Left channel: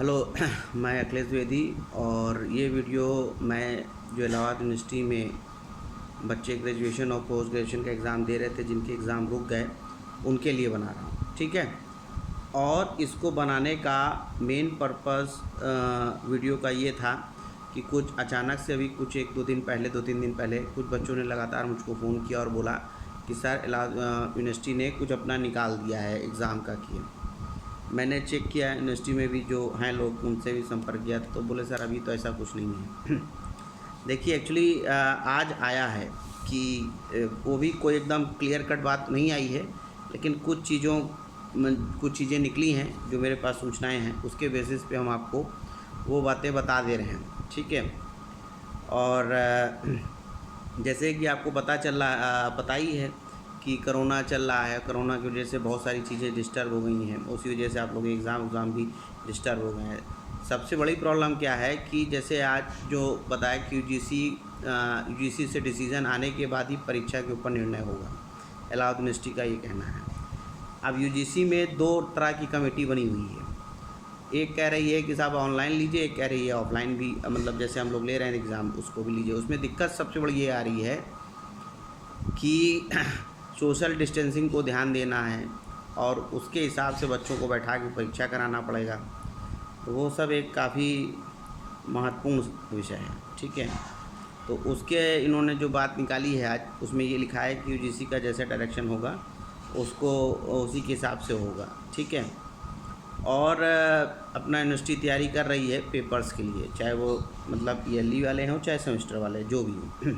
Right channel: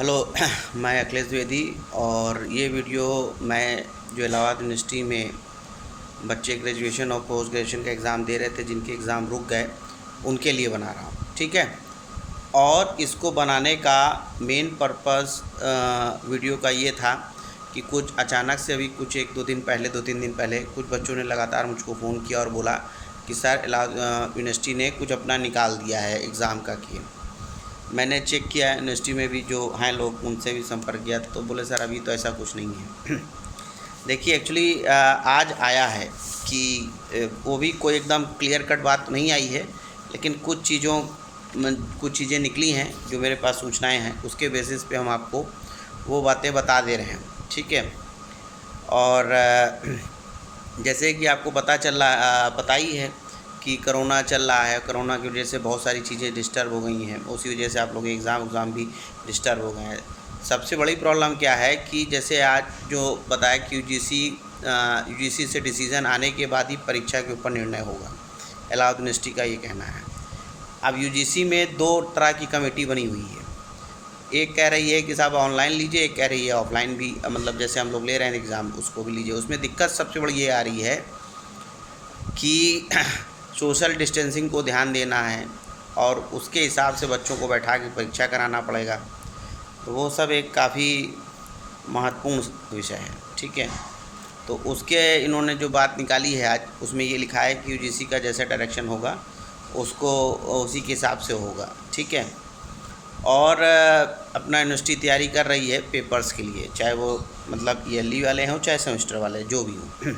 Hello मैं अखिलेश द्विवेदी और ये वीडियो मैं जो इलाहाबाद यूनिवर्सिटी में बच्चे ग्रेजुएशन और पोस्ट ग्रेजुएशन का एग्ज़ाम दे रहे थे, जिनके एग्ज़ाम रुक गए, उनके लिए बना रहा हूँ। ठीक है। और इसको बनाने का मेन पर्पस वीडियो का ये था कि कुछ अचानक से अभी कुछ 2-3 दिन पहले कुछ बच्चों ने लगातार मुझको फ़ोन किया और बोला कि सर इलाहाबाद यूनिवर्सिटी ने कुछ अपना निकाल दिया है एग्ज़ाम का किए। मैंने चेक किया यूनिवर्सिटी में भी जो हैं लोग, उनसे भी संपर्क किया तो बोले सर अभी तो ऐसा कुछ नहीं है। देखिए एक्चुअली आज आया है कि वो भी कोई एकदम क्लियर कट बात नहीं आई है, लेकिन कुछ चीज़ें निकली हैं जो मेरे पास सूचनाएं हैं, उसके बेसिस पे हम आपको वो बातें बता दे रहे हैं। ठीक है। और जैसे कि आपको पता ही है कि कोरोना चल रहा है। कोरोना की वजह से बहुत सारी चीज़ें डिस्टर्ब हो गई हैं, उसी वजह से आप लोग एग्ज़ाम भी डिस्टर्ब हो गए हैं। सबसे बड़ी प्रॉब्लम क्या है कि जैसे आज जो बताया कि यूजीसी से डिसीज़न आने के बाद ही परीक्षा के ऊपर निर्णय होगा, इलाहाबाद यूनिवर्सिटी का ये कहना है। अब यूजीसी में 2 तरह की कमेटी बनी हुई है। एक कह रही है कि साहब ऑनलाइन लीजिए, एक कह रही है ऑफलाइन भी, मतलब जैसे हम लोग ले रहे हैं एग्ज़ाम उसको भी लीजिए। उसमें दिक्कत सबसे बड़ी ये आ रही है कि सोशल डिस्टेंसिंग को ध्यान देना है और उसके हिसाब से बच्चों को बैठा के परीक्षा कराना पड़ेगा। तो वो सब एक काफ़ी महत्वपूर्ण विषय है। ठीक है। तो उसके इन्होंने जो बात निकाली है आज, उसमें ये लिखा है कि यूजीसी का जैसा डायरेक्शन होगा उसको उसी के हिसाब से होगा। ठीक है। और अपना यूनिवर्सिटी तैयारी कर रही है पेपर्स के लिए, चाहे वो मतलब ईयरली वाले हों चाहे सेमेस्टर वाले, जो भी हो।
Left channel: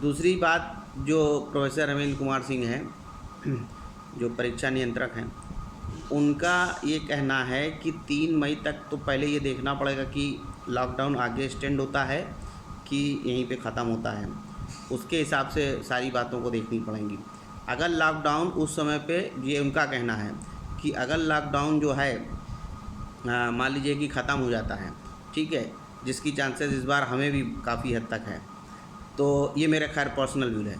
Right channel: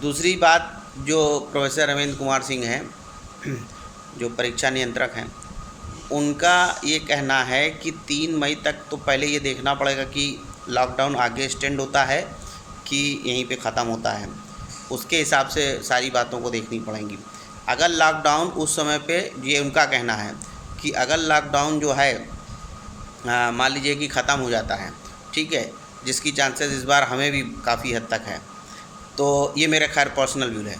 दूसरी बात, जो प्रोफेसर रविंद्र कुमार सिंह हैं जो परीक्षा नियंत्रक हैं, उनका ये कहना है कि 3 मई तक तो पहले ये देखना पड़ेगा कि लॉकडाउन आगे एक्सटेंड होता है कि यहीं पे ख़त्म होता है। उसके हिसाब से सारी बातों को देखनी पड़ेंगी। अगर लॉकडाउन उस समय पे, ये उनका कहना है कि अगर लॉकडाउन जो है मान लीजिए कि ख़त्म हो जाता है, ठीक है, जिसकी चांसेस इस बार हमें भी काफ़ी हद तक है, तो ये मेरा खैर पर्सनल व्यू है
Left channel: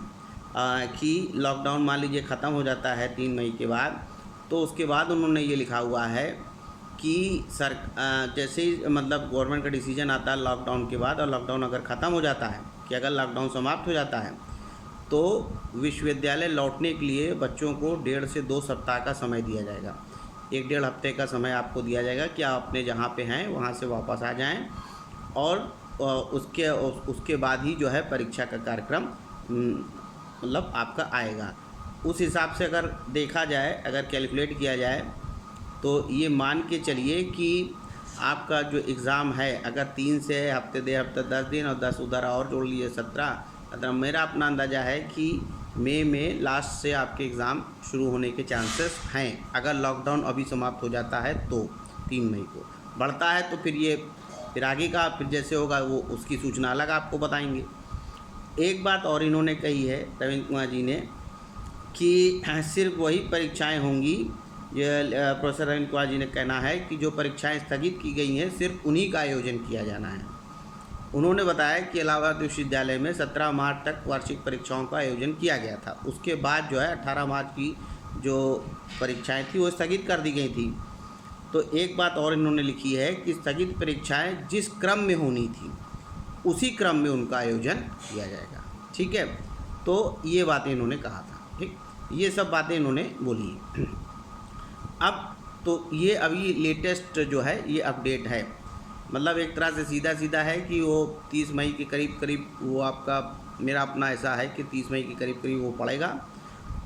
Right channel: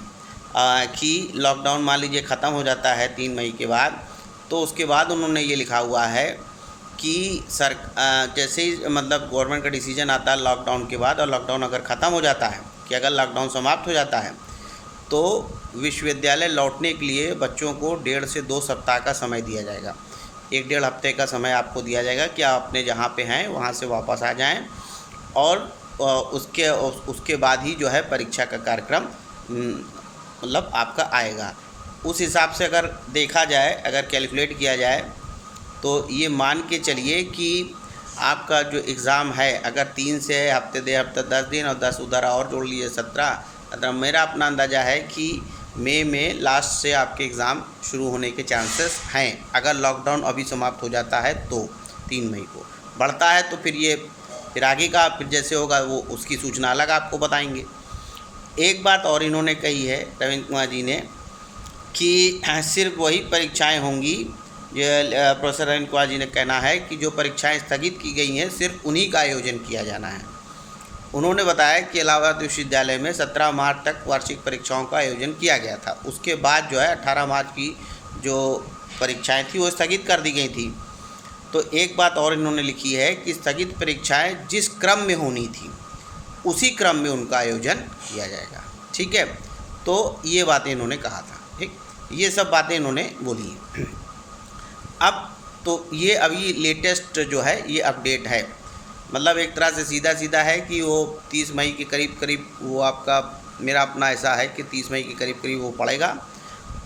कि लॉकडाउन मान लीजिए ख़त्म हो जाता है 3 मई के बाद, तो उसके बाद उन्होंने ये लिखा हुआ है कि जैसे ही मतलब गवर्नमेंट का डिसीजन आता है लॉकडाउन के बाद, और लॉकडाउन अगर ख़त्म हो जाता है, कि अगर लॉकडाउन समाप्त हो जाता है, तो विश्वविद्यालय लौटने के लिए बच्चों को 1.5 से 2 सप्ताह का समय दिया जाएगा। 1-1.5 हफ्ते का समय आपको दिया जाएगा कि आप अपने जहाँ पे हैं वहाँ से वापस आ जाएं, और उसके बाद ही जो है परीक्षा का कार्यक्रम मतलब आपका आएगा। उस हिसाब से अगर देखा जाए, अगर कैलकुलेट किया जाए, तो ये मान के चलिए कि आपका जो एग्ज़ाम है, अगर 3 से हफ्ते 10 दिन और 10 उधर और जोड़ लीजिए 17, मतलब मेरा अपना अंदाज़ा है कि मई में लास्ट से आपके एग्ज़ाम शुरू होने के चांसेस हैं। अगर लॉकडाउन अभी समाप्त हो जाता है तो 3 मई को बढ़ता है, तो फिर आगे का फिर जैसे होगा वो उसकी सूचना अलग आपको बताएंगे। एक बात और इन्होंने कही है रविंद्र कुमार जी ने कि सिर्फ वही परीक्षाएं होंगी, जो प्रोफेसर रविंद्र कुमार जी ने कहना है कि जो परीक्षाएं स्थगित की गई हैं सिर्फ उन्हीं का आयोजन किया जाना है। उन्होंने बताया कि इलाहाबाद विश्वविद्यालय में 17 मार्च तक वार्षिक परीक्षाओं का आयोजन किया गया था। उसके बाद जो है 18 मार्च की जो परीक्षाएँ थी वो स्थगित कर दी गई थी। तो एक बात और इन्होंने लिखी है कि स्थगित परीक्षाएं जिस क्रम में होनी थी उसी क्रम में उनका आयोजन किया जाएगा। ठीक है। तो ये बातें इन्होंने कहा था। ठीक, ये सब बातें इन्होंने बोली हैं। अब तो ये अभी लेटेस्ट जो है ये अपडेट है, मतलब एक तरह से सीधा है कि वो 30 मई के करीब वो आपका, मेरा अपना ऐसा है कि 30 मई के करीब वो पड़ेगा।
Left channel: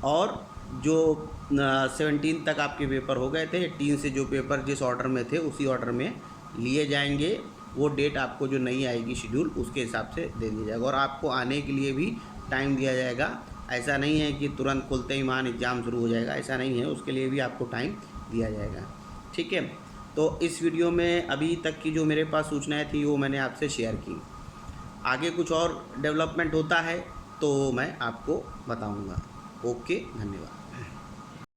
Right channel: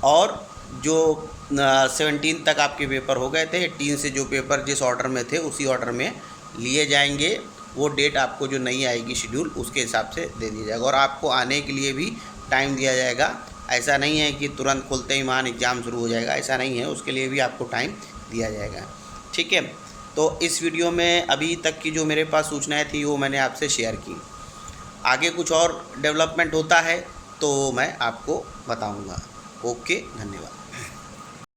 और जो 17 तक आपके पेपर हो गए थे, 18 से जो पेपर जिस ऑर्डर में थे उसी ऑर्डर में लिए जाएंगे। वो डेट आपको जो नहीं आएगी शेड्यूल, उसके हिसाब से दे दिया जाएगा और आपको आने के लिए भी टाइम दिया जाएगा। ऐसा नहीं है कि तुरंत खुलते ही मान एग्ज़ाम शुरू हो जाएगा, ऐसा नहीं है, उसके लिए भी आपको टाइम दिया जाएगा। ठीक है। तो इस वीडियो में अभी तक की जो मेरे पास सूचनाएँ थी वो मैंने आपसे शेयर की। आगे कुछ और डेवलपमेंट होता है तो मैं आपको बताऊँगा। ओके, धन्यवाद।